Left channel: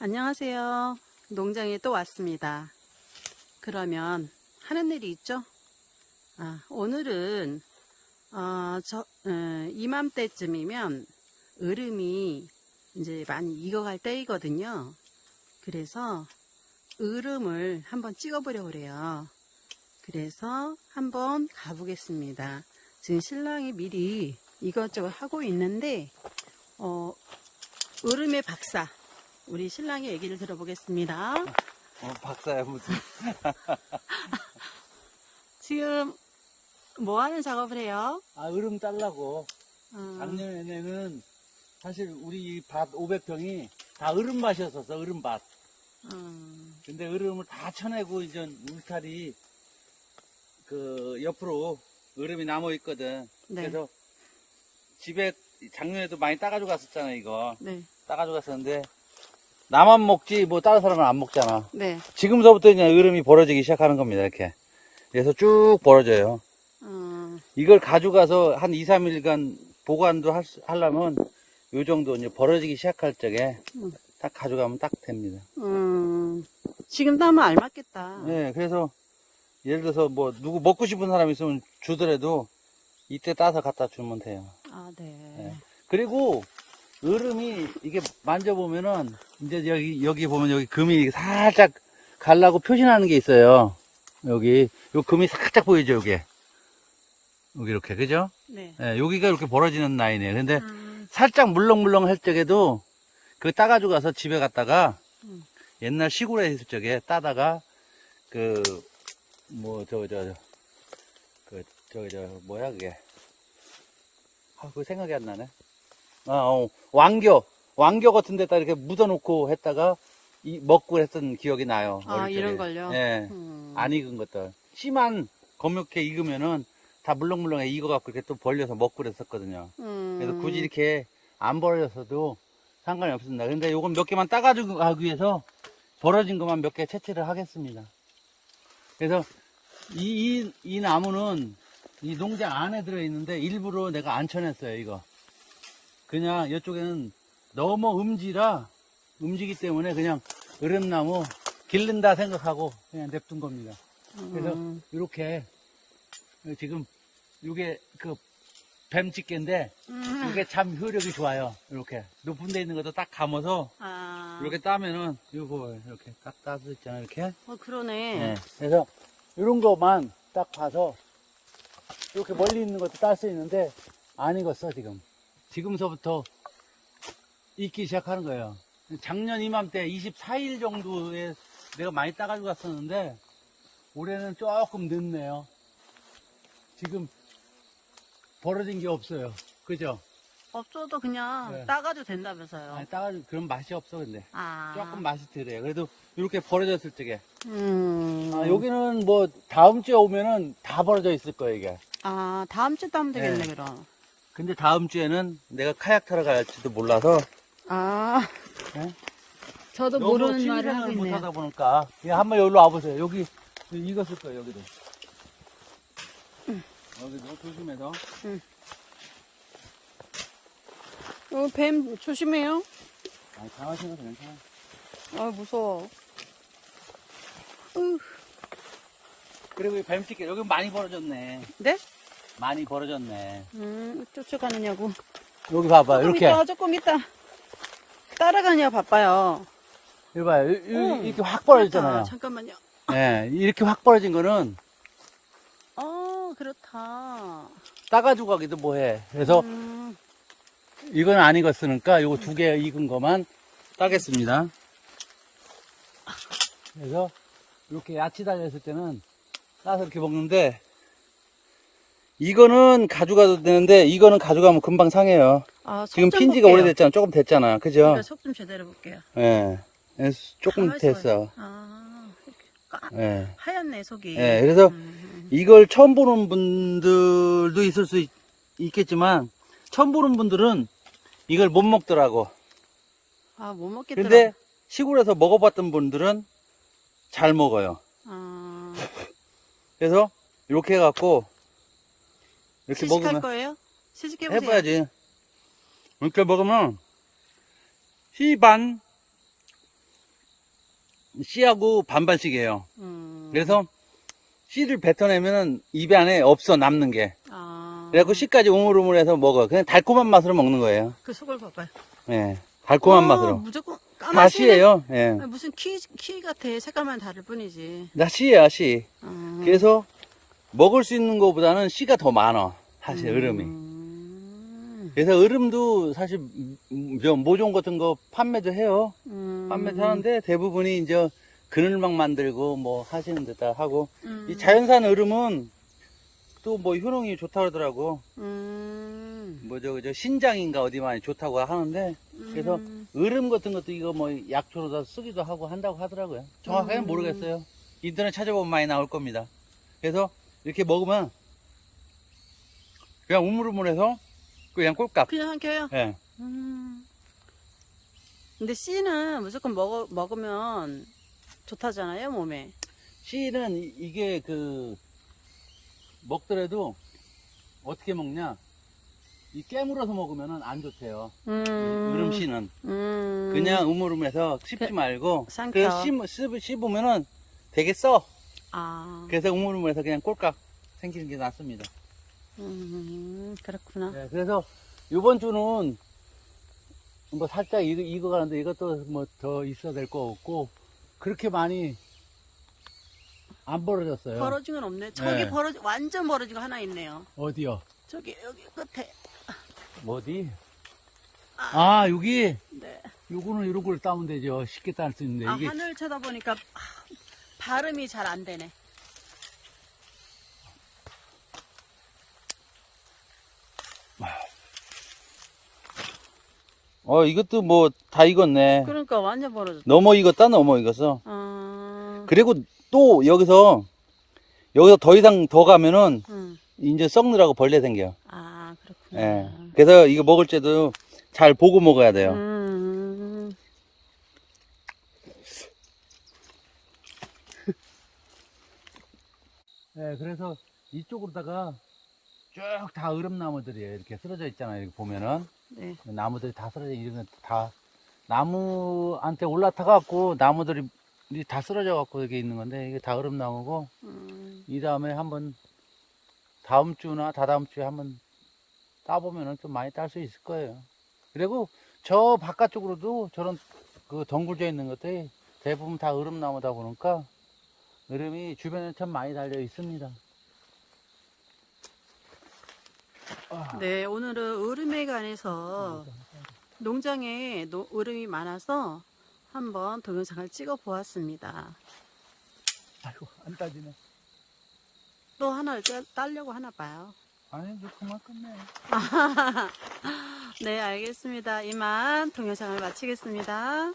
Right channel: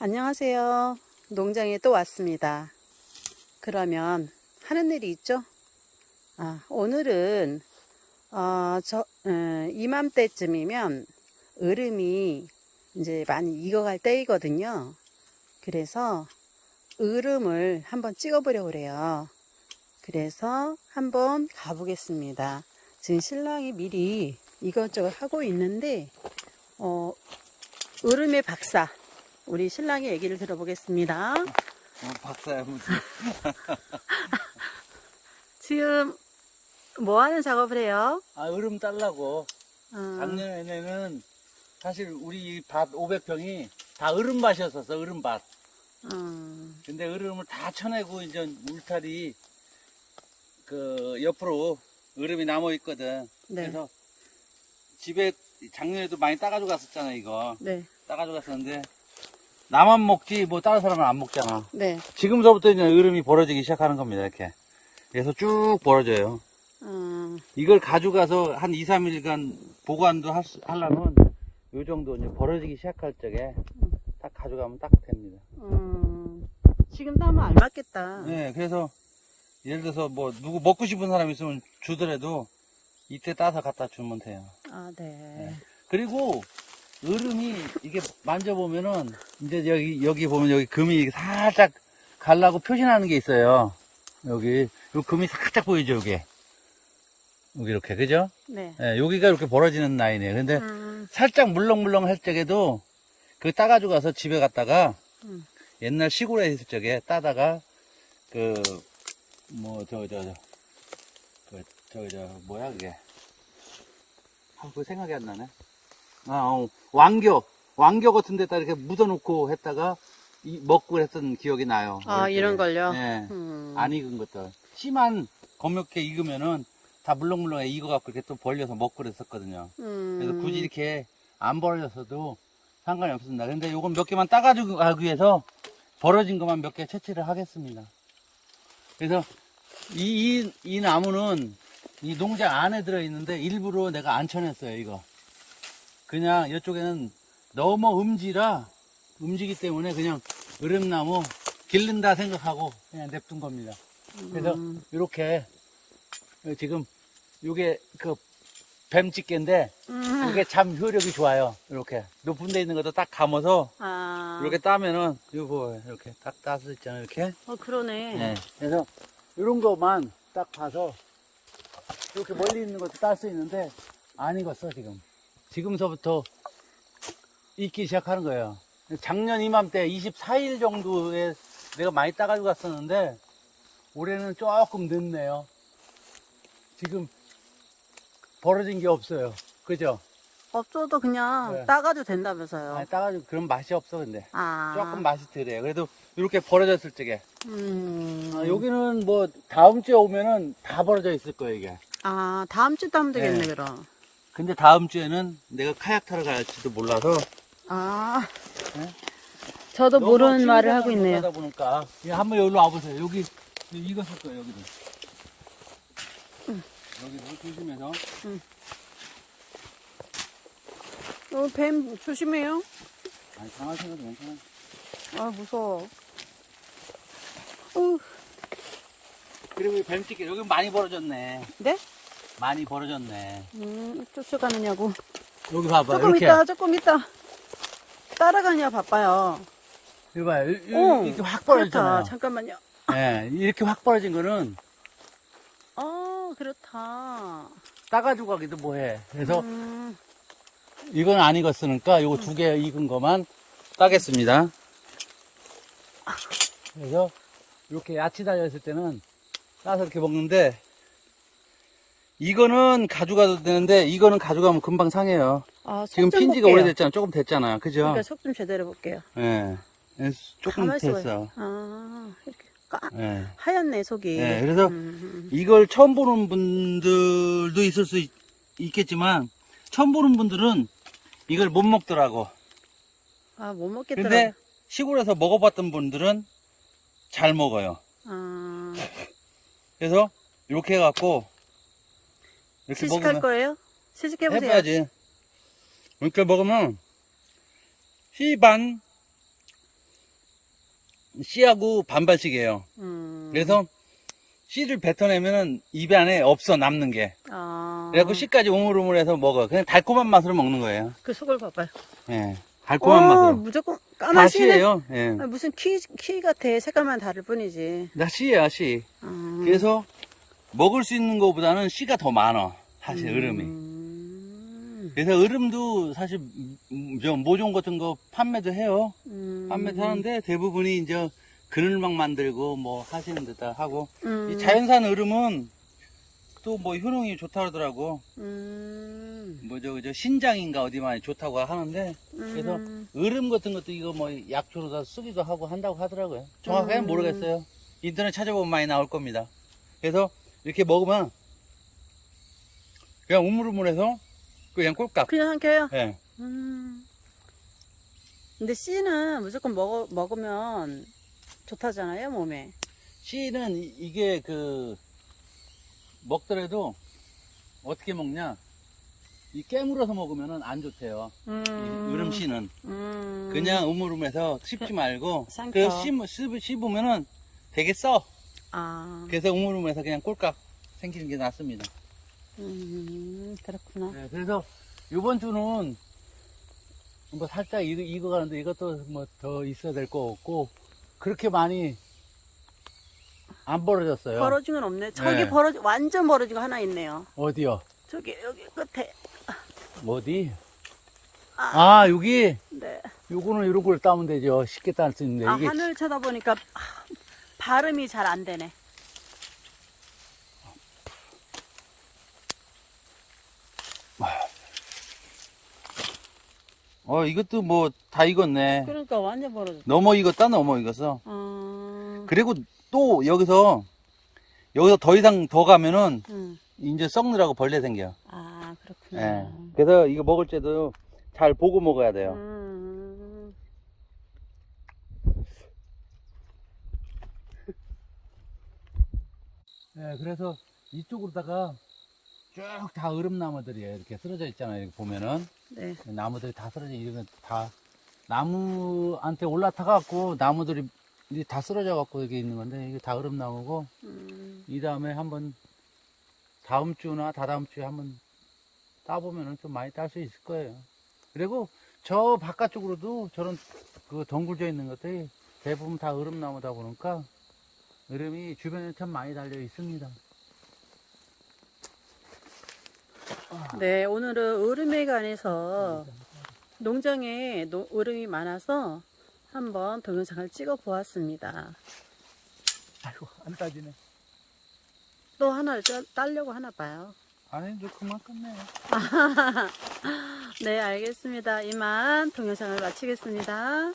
안녕하세요. 농장에 또 왔습니다. 그러면 하는 일이 있죠? 아, 오늘은 어, 저 어, 이맘때쯤이면 으름이 이제 많이 익어갈 때이거든요. 그래서 으름을 한번 찍어보려고 그래요. 그래서 한번 가보겠습니다. 지금 신랑이 미리 이것저것 하고 있는데 어, 으름의 박사 우리 신랑의 얘기를 들어보겠습니다. 어, 박사야 무슨 지금 뭐 하는 작업을 해요? 아 으름 딸라고. 어, 작년에는 사실 우리 밭 500평이 다 으름 밭이었었어 으름 밭. 음, 근데 으름을 다 쳐내고 이제 울타리 그 옆으로 으름이 남아 있거든. 네. 그래서 집에 작년에도 많이 따가지고 갔었잖아 이거. 네, 따가지고 갔었는데 나만 먹지 뭐 다른 사람은 안 먹잖아 네. 지금서부터 이제 으름이 벌어지기 시작하는 겁니다 이렇게 그래서 쭉 벌어져요 어, 이걸 가져가서 한 2, 3일간 보관도 할 수- 하려면 요 정도 이제 벌어지기 시작할 적에 음. 딱 가져가면 딱 됩니다. 음, 지금 따면 알맞겠다. 네, 그래서 예를 들어서 뭐 누구 먹고 싶은 사람 있으면 주더라도 이때 따서 갖다 주면 돼요. 아, 네. 네. 그리고 으름이 이게 만져보면은 이제 여기 여기 보면 여기 금이 살짝 갈라고 표시나는 게 있어요. 여기 요 금이 살짝 보이죠, 여기. 여기 이렇게 그죠? 네. 예, 여기가 이렇게 벌어지는 라인이에요. 근데 음, 살짝 물렁물렁 할 적에도 그 따가지고 가서 집에 갔다가 음. 옛날 시골에 있을 적에 따다가 그 뭐 저 저 저 그저저 뭐야 그게 아 그 생각이 안 나네. 아 어, 왕겨 왕겨 같은 데다 이렇게 묻어놓고 했다가 이 먹고 했던 기억이 나요. 아, 어릴 이런. 걸요? 네. 음, 안 익은 것들. 씨만 검게 익으면은 다 물렁물렁해 익어갖고 이렇게 또 벌려서 먹고 그랬었거든요. 음, 그래서 굳이 이렇게 안 벌어졌어도 상관이 없습니다. 근데 요건 몇 개만 따가지고 가기 위해서 벌어진 것만 몇 개 채취를 하겠습니다. 그래서 이, 이, 이 나무는 이 농장 안에 들어있는데 일부러 내가 안 쳐냈어요, 이거. 그냥 이쪽에는 너무 음지라, 음지기 때문에 그냥 으름나무 기른다 생각하고 그냥 냅둔 겁니다. 그래서 음, 이렇게 지금 이게 그 뱀집게인데 음, 이게 참 효력이 좋아요. 이렇게 높은 데 있는 것도 딱 감아서 아, 이렇게 따면은 이거 이렇게 딱 따서 있잖아요. 이렇게. 어, 그러네. 네. 그래서 이런 것만 딱 봐서 이렇게 멀리 있는 것도 딸 수 있는데 안 익었어 지금. 지금서부터 익기 시작하는 거예요. 작년 이맘때 24일 정도에 내가 많이 따가지고 갔었는데 올해는 조금 늦네요. 지금 벌어진 게 없어요. 그죠? 없어도 그냥 네. 따가도 된다면서요. 아니, 따가지고 그런 맛이 없어 근데 아, 조금 맛이 덜해요. 그래도 이렇게 벌어졌을 적에 음, 아, 여기는 뭐 다음 주에 오면은 다 벌어져 있을 거예요 이게. 아, 다음 주 따면 되겠네, 네. 그럼. 근데 다음 주에는 내가 카약 타러 갈지도 몰라서 아, 네? 저도 너무 모르는 말을 하고 있네요. 못하다 보니까 야, 한번 여기로 와보세요. 여기 익었을 거예요 여기도. 여기도 조심해서. 어, 뱀 조심해요. 아, 장화생활 괜찮아. 아, 무서워. 어, 그리고 이 뱀찍게 여기 많이 벌어졌네. 네? 많이 벌어졌네. 음, 쫓아가느냐고. 여기 봐봐 조금 이렇게. 있다, 조금 있다. 따라가냐 바빠요. 이거 봐요. 이- 이- 어, 이렇게 확 그렇다. 벌어졌잖아요. 잠깐만요. 네, 이렇게 확 벌어진 거는 어, 그렇다. 따가지고 가기도 뭐해. 그래서 음, 이건 안 익었으니까 요거 두 개 익은 거만 따겠습니다. 그래서 이렇게 야채 달려있을 때는 따서 이렇게 먹는데 이거는 가져가도 되는데 이거는 가져가면 금방 상해요. 아, 지금 핀 지가 볼게요. 오래됐잖아. 조금 됐잖아. 그죠? 그러니까 속좀 제대로 볼게요. 예. 예, 조금. 됐어. 아, 이렇게 까, 예. 하얗네, 속이. 예, 그래서 음, 이걸 처음 보는 분들도 있을 수 있, 있겠지만 처음 보는 분들은 이걸 못 먹더라고. 아, 못 먹겠더라. 근데 시골에서 먹어봤던 분들은 잘 먹어요. 아, 그래서 이렇게 해갖고 이렇게 시식할 먹으면 거예요? 시식해보세요. 해봐야지. 이렇게 먹으면 희반 씨하고 반반씩이에요. 음. 그래서 씨를 뱉어내면은 입 안에 없어 남는 게. 아. 그래갖고 씨까지 우물우물해서 먹어. 그냥 달콤한 맛으로 먹는 거예요. 그 속을 봐봐요. 예, 달콤한 어, 맛으로. 무조건 다 까만 씨네. 씨예요. 예, 아, 무슨 키, 키 같아. 색깔만 다를 뿐이지. 다 씨야 씨. 아. 그래서 먹을 수 있는 것보다는 씨가 더 많아. 사실. 음. 그래서 으름도 사실 음, 저 모종 같은 거 판매도 해요. 음. 판매도 하는데 대부분이 이제 그늘막 만들고 뭐 하시는 데다 하고 음. 이 자연산 으름은 또 뭐 효능이 좋다 그러더라고. 음. 뭐저 저 신장인가 어디 많이 좋다고 하는데 그래서 음. 으름 같은 것도 이거 뭐 약초로 다 쓰기도 하고 한다고 하더라고요. 정확하게는 음. 모르겠어요. 인터넷 찾아보면 많이 나올 겁니다. 그래서 이렇게 먹으면 그냥 우물우물해서 그냥 꼴깍. 그냥 삼켜요? 예. 음. 근데 씨는 무조건 먹어, 먹으면 좋다잖아요, 몸에. 씨는 이- 이게 그 먹더라도 어떻게 먹냐? 이 깨물어서 먹으면은 안 좋대요. 음. 이 으름 씨는 음. 그냥 우물우물해서 씹지 말고 삼켜. 그래서 씹, 씹, 씹으면은 되게 써. 아. 그래서 우물우물해서 그냥 꼴깍 생기는 게 낫습니다. 음, 그렇구나. 네, 그래서 이번 주는 뭐 살짝 이거, 이거 가는데 이것도 뭐 더 있어야 될 거 없고 그렇게 많이 안 벌어졌어요. 벌어진 건 없네. 저기 네. 벌어지, 완전 벌어진 거 하나 있네요. 어디요? 저기, 여기 끝에. 어디? 아, 여기? 네. 요거는 이런 걸 따면 되죠. 쉽게 딸 수 있는데. 아, 이게 하늘 쳐다보니까 아, 발음이 잘 안 되네. 어, 이것도 뭐 다 익었네. 그러니까 완전 벌어졌다. 넘어 익었다, 넘어 익었어. 아, 그리고 또 여기서, 여기서 더 이상 더 가면은 음. 이제 썩느라고 벌레 생겨. 아, 그렇구나. 예. 그래서 이거 먹을 때도 잘 보고 먹어야 돼요. 음. 네, 그래서 이쪽으로다가 쭉 다 얼음나무들이에요. 이렇게 쓰러져 있잖아요. 이렇게 보면은. 네. 나무들이 다 쓰러져 이러면 다 나무한테 올라타 갖고 나무들이 다 쓰러져 갖고 여기 있는 건데 이게 다 얼음나무고 음. 이 다음에 한번 다음 주나 다다음 주에 한번 따보면은 좀 많이 딸 수 있을 거예요. 그리고 저 바깥쪽으로도 저런 그 덩굴져 있는 것들이 대부분 다 얼음나무다 보니까 얼음이 주변에 참 많이 달려 있습니다. 네, 오늘은 얼음에 관해서 농장에 노- 얼음이 많아서 한번 동영상을 찍어 보았습니다. 아이고 안 따지네. 또 하나를 따, 따려고 하나 봐요. 아니 저 그만 끝내. 네, 알겠습니다. 이만 동영상을 마치겠습니다.